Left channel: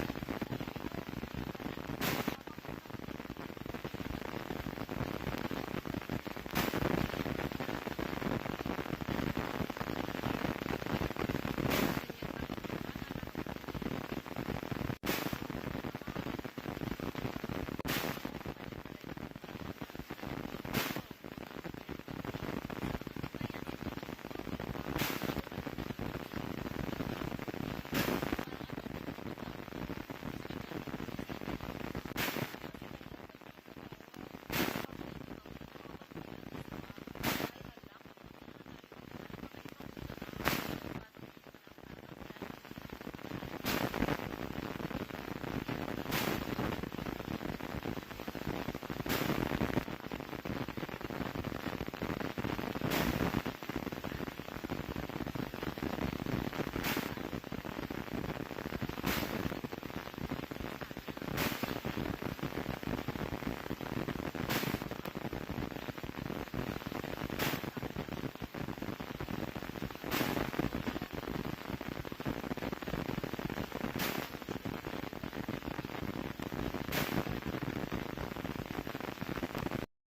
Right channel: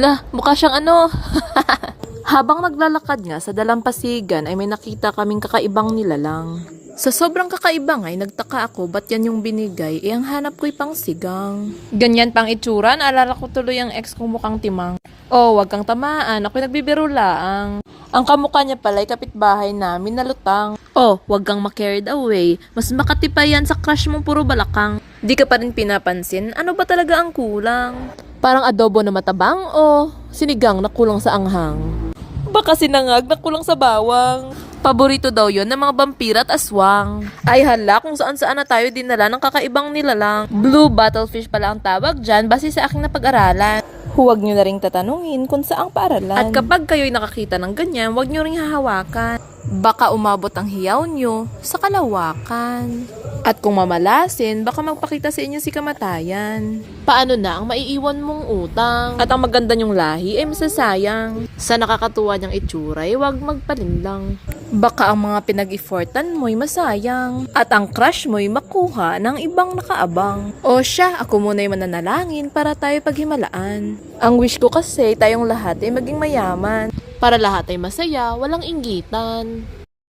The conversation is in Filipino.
Lah, mukha siyang ano. Habang naglalakad nga sa dalampasigan ay may nakita kaming kakaibang nilalang. Sa sobrang kakaiba nga ay nagtaka ako ba't yan yung binigay, ang hanap ko'y pang sigang. Ganyan pang itsura, naalala ko tuloy ang ex kong mukhang timang. Oh, wag kang tamaan, ako'y nagbibiro laang. Ang kamukha niya pala'y kapitbahay namin na lutang. Oh, wag kang ma-carried away. Mas makati pa yan sa crush mong puro balakang. Di ka pa rin pinapansin, ano ba talaga ang kulang? Parang adobo na matabang o sinigang na kulang sa anghang. Baka sinangag na kulang sa bawang. Paborito daw yon ng mga vampira at aswang. Ay hala, kung saan-saan na tayo dinala ng kakaibang nilalang. Blue battlefish pala ang tawag dyan base sa aking napag-aralan. Huwag nyo na ring tatanungin kung saang paaralan. At kapag kayo'y nakakita ng ganyan, huwag nyo ring hahawakan. Baka umabot ang hiyaw nyo sa kalawakan. At kung mamalasin, baka magpakita sa inyo si kamatayan. Paano na ang maiiwan mong utang? At ang maganda nyong lahi ay masasayang. Sa nakakatuwa niyang itsura ay huwag magpalinlang. Baka ang mga pinag-effortan mo'y masayang. At ang crush mo'y makuha ng ibang nakaabang. O siya, ako muna'y mananalangin para tayo paghimalaan. Ang wish ko kasi tayong lahat ay maging mayaman. Para lahat ay masaya, walang inggitan.